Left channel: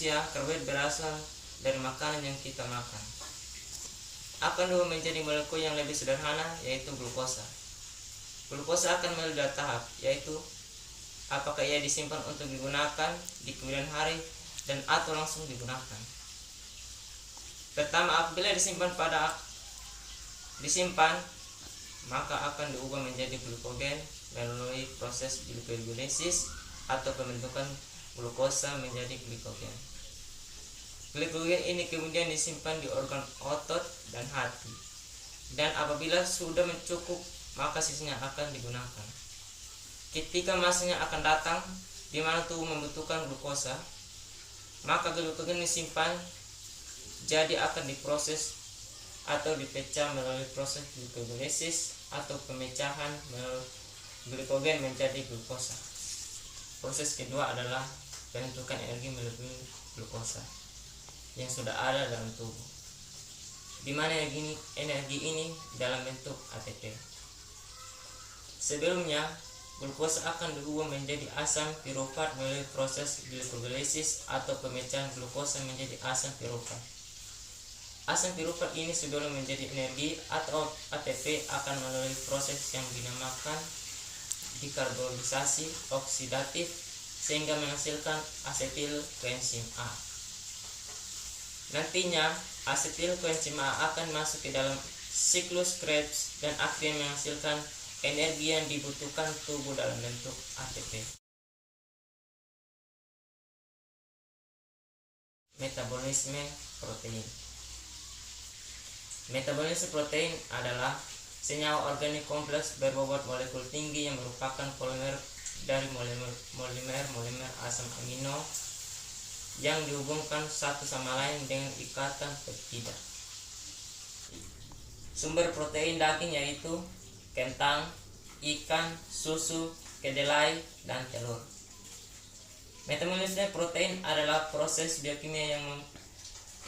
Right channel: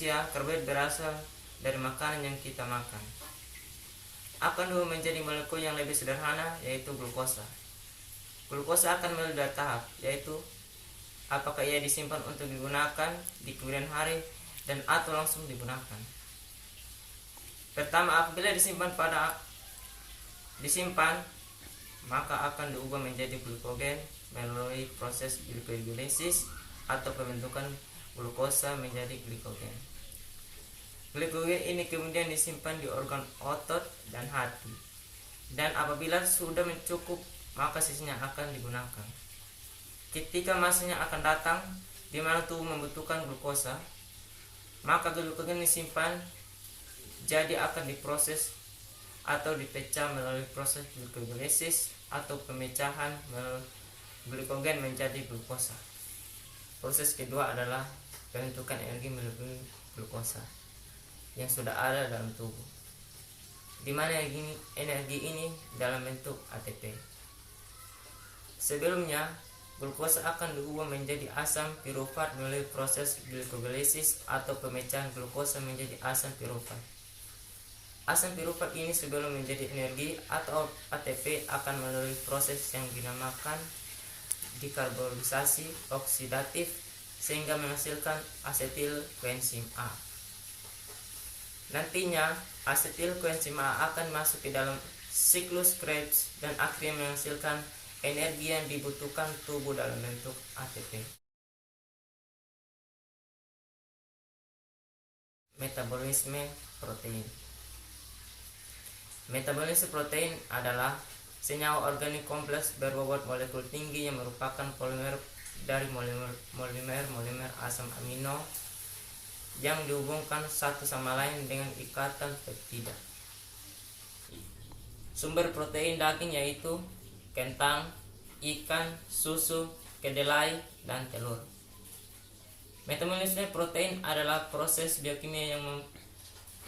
manusia, karbohidrat berasal dari makanan yang kita makan. Akan dua menjadi molekul yang lebih sederhana, yaitu glukosa. Glukosa akan melalui dua tahap, yaitu apakah ia disimpan untuk digunakan di kemudian hari dan atau langsung digunakan. Pertama, apabila disimpan maka akan diubah menjadi glukogen melalui proses glikogolisis atau pembentukan glukosa menjadi glikogen. Glikogen ini kemudian disimpan di organ otot dan hati, dan apabila sudah mencukup maka sisanya akan digunakan. Ketika masanya akan datang di mana tubuh membutuhkan glukosa, maka glikogen disimpan jadi akan diproses atau dipecah melalui proses glikogolisis atau pemecahan melalui glikogen menjadi glukosa. Proses kedua adalah pembentukan energi melalui glukosa yang sudah ada dalam tubuh, di mana energi ini dalam bentuk ATP. Sebelumnya, glukosa akan diubah menjadi asam pirufat melalui proses glikogolisis atau pemecahan glukosa menjadi asam pirufat. Asam pirufat ini sebelum menjadi energi atau ATP akan melalui proses yang dinamakan dekarbonisasi oksidatif sehingga menghasilkan asetil koenzim A. Nantinya asetil koenzim A akan masuk ke dalam siklus Krebs dan akhirnya menghasilkan energi yang dibutuhkan tubuh dalam bentuk ATP. Metabolisme protein. Metabolisme protein adalah senyawa organik kompleks berbobot molekul tinggi yang merupakan polimer dari polimer asam amino yang dihubungkan satu sama lain dengan ikatan peptida. Sumber protein daging yaitu kentang, ikan, susu, kedelai, dan telur. Metabolisme protein adalah proses biokimia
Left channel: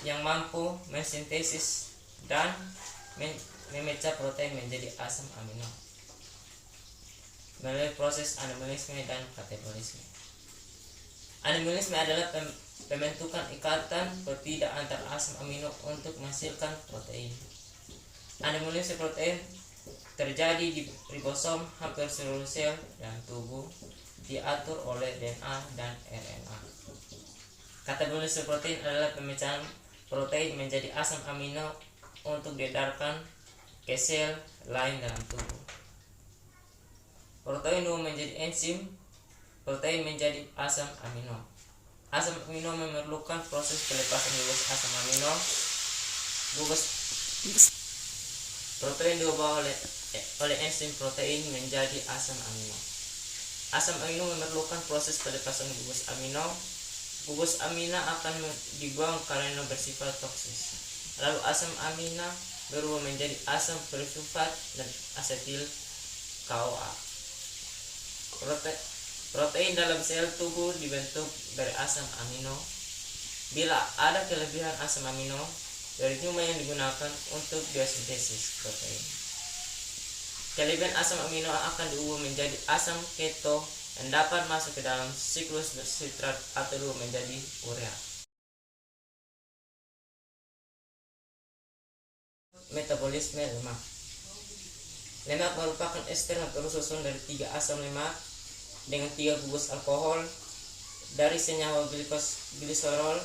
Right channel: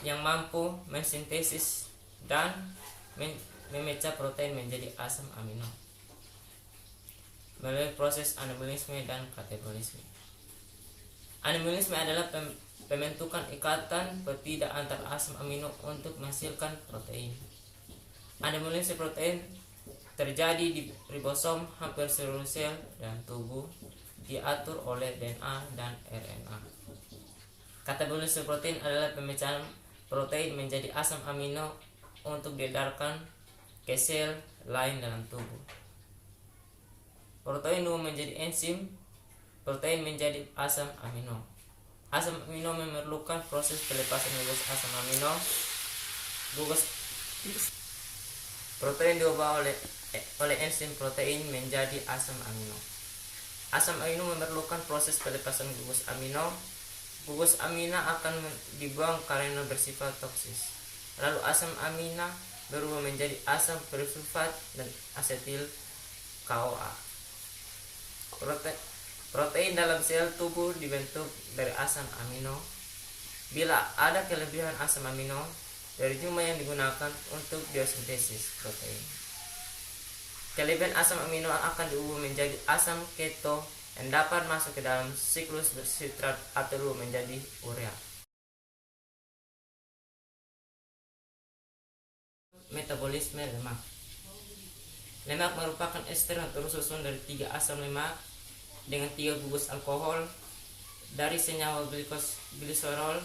yang mampu mensintesis dan memecah protein menjadi asam amino melalui proses anabolisme dan katabolisme. Anabolisme adalah pembentukan ikatan peptida antar asam amino untuk menghasilkan protein. Anabolisme protein terjadi di ribosom hampir seluruh sel dan tubuh, diatur oleh DNA dan RNA. Katabolisme protein adalah pemecahan protein menjadi asam amino untuk diedarkan ke sel lain dalam tubuh. Protein menjadi enzim protein menjadi asam amino. Asam amino memerlukan proses pelepasan gugus asam amino. Gugus protein diubah oleh enzim protein menjadi asam amino. Asam amino memerlukan proses pelepasan gugus amino. Gugus amino akan dibuang karena bersifat toksis. Lalu asam amino berubah menjadi asam perisulfat dan asetil CoA. Protein dalam sel tubuh dibentuk dari asam amino. Bila ada kelebihan asam amino dari jumlah yang digunakan untuk biosintesis protein, kelebihan asam amino akan diubah menjadi asam keto yang dapat masuk ke dalam siklus bersitrat atau menjadi urea. Metabolisme lemak. Lemak merupakan ester yang tersusun dari 3 asam lemak dengan 3 gugus alkohol dari senyawa gliserol.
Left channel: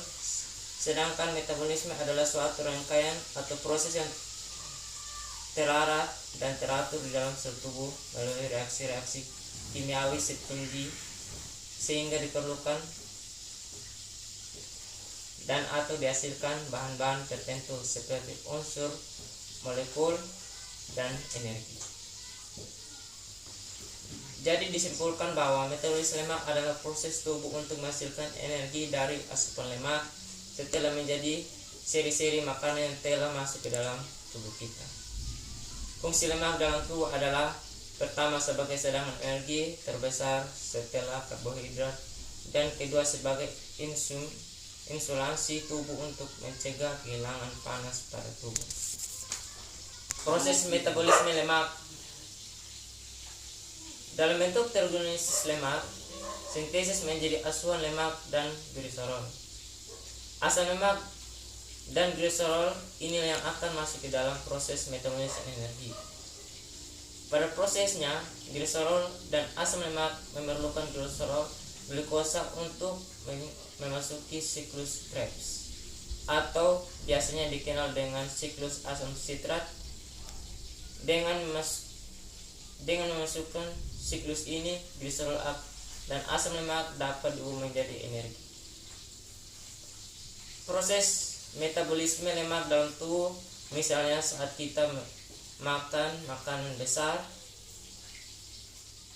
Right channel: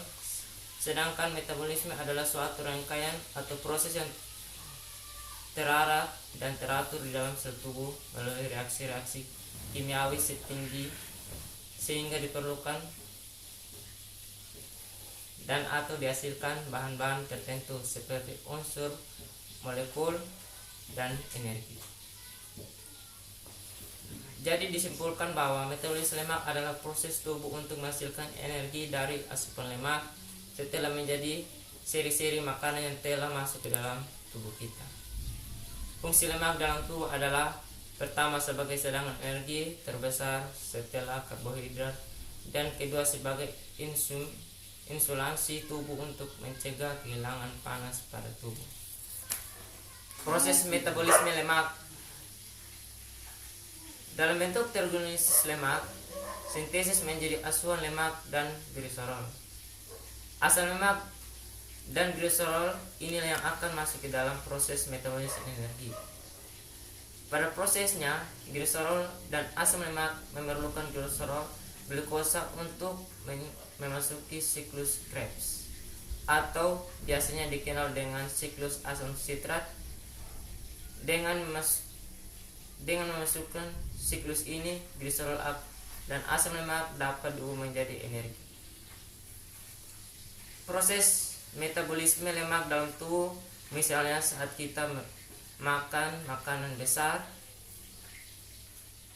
Sedangkan metabolisme adalah suatu rangkaian atau proses yang terarah dan teratur di dalam sel tubuh melalui reaksi-reaksi kimiawi setinggi sehingga diperlukan dan atau dihasilkan bahan-bahan tertentu seperti unsur, molekul, dan energi. Jadi disimpulkan bahwa metabolisme lemak adalah proses tubuh untuk menghasilkan energi dari asupan lemak setelah menjadi seri-seri makanan yang telah masuk ke dalam tubuh kita. Fungsi lemak dalam tubuh adalah pertama sebagai cadangan energi terbesar setelah karbohidrat, dan kedua sebagai insulasi tubuh untuk mencegah kehilangan panas pada tubuh. Proses metabolisme lemak dalam bentuk terorganisasi lemak, sintesis menjadi asuhan lemak dan gliserol. Asam lemak dan gliserol inilah yang akan masuk ke dalam proses metabolisme energi. Pada prosesnya, gliserol dan asam lemak memerlukan glukosa untuk memasuki siklus Krebs, atau biasanya dikenal dengan siklus asam sitrat. Dengan memasukkan siklus ini, gliserol dan asam lemak dapat diubah menjadi energi. Proses metabolisme lemak dalam tubuh, misalnya saat kita makan makanan besar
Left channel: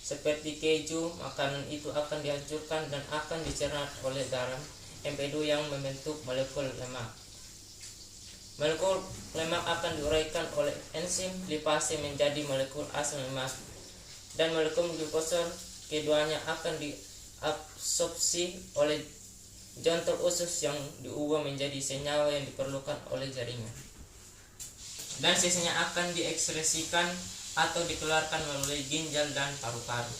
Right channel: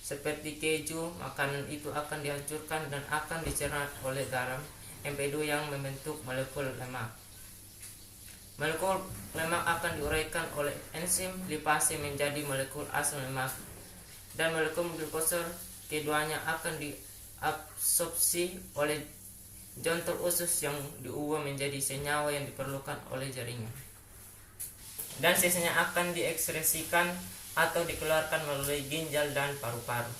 seperti keju, makanan itu akan dihancurkan dan akan dicerna oleh garam MP2 yang membentuk molekul lemak. Molekul lemak akan diuraikan oleh enzim lipase menjadi molekul asam lemak, dan molekul glukosa keduanya akan diabsorpsi oleh jontor usus yang diubah menjadi senyawa yang diperlukan oleh jaringan, dan sisanya akan diekskresikan atau dikeluarkan melalui ginjal dan paru-paru.